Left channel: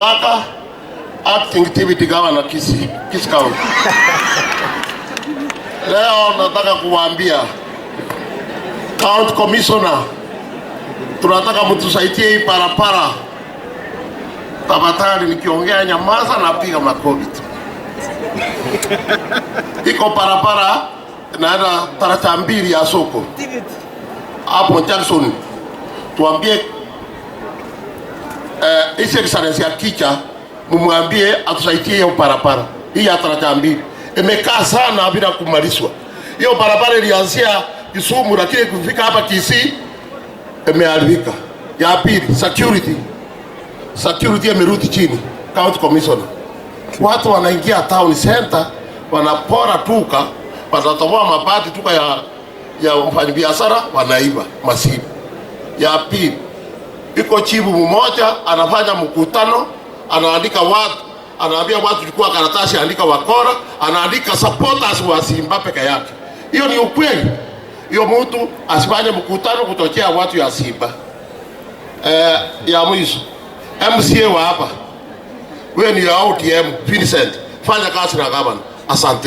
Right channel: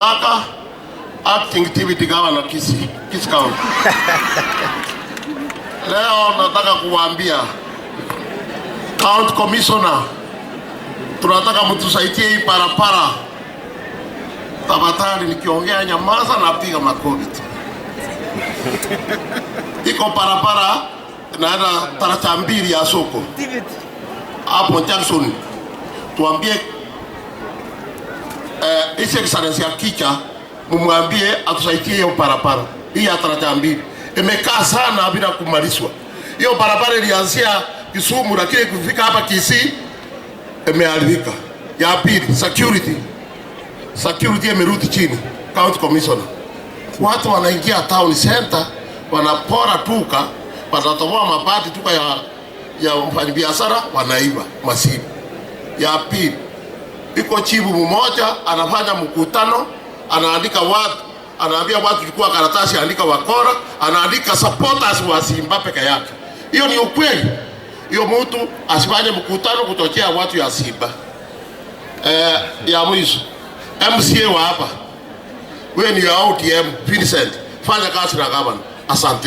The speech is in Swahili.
Acting activity governor Kisii County. Leo nataka kuwaambia County Commissioner, tunataka mtusaidie hii barabara. Tafadhali nikiongea nyamaza na piga makofi. Iko barabara naenda taracha mbili ya soko hapo Jackson. Tuambie His Excellency ya Kicha, mumwambie atusaidie hiyo barabara. Hii ya taracha mbili imekaa sana bila kumalizwa. Hiyo barabara ilianzia Kisumu lakini kufika hapa Kisii imeharibika. Ya pili, security imerudi chini. County Commissioner, watu wanaingia town center, wanapora tuka, wanatoboa mabati tuka ya mfanyabiashara, wanaiba masimu. Ya pili, iko chibu mmoja anafanya mkutano, anaandika watu, anaambia watu chukua karatasi, andika wakora, anaandika supporters wa Simba peke yake. Hiyo ni ukweli. Hiyo mtu asifanye mkutano kutokea watu ya Simba. Ya mwisho, MCA wa hapa, wewe ni ya ODM Vincent, fanya kazi na gavana. Asante.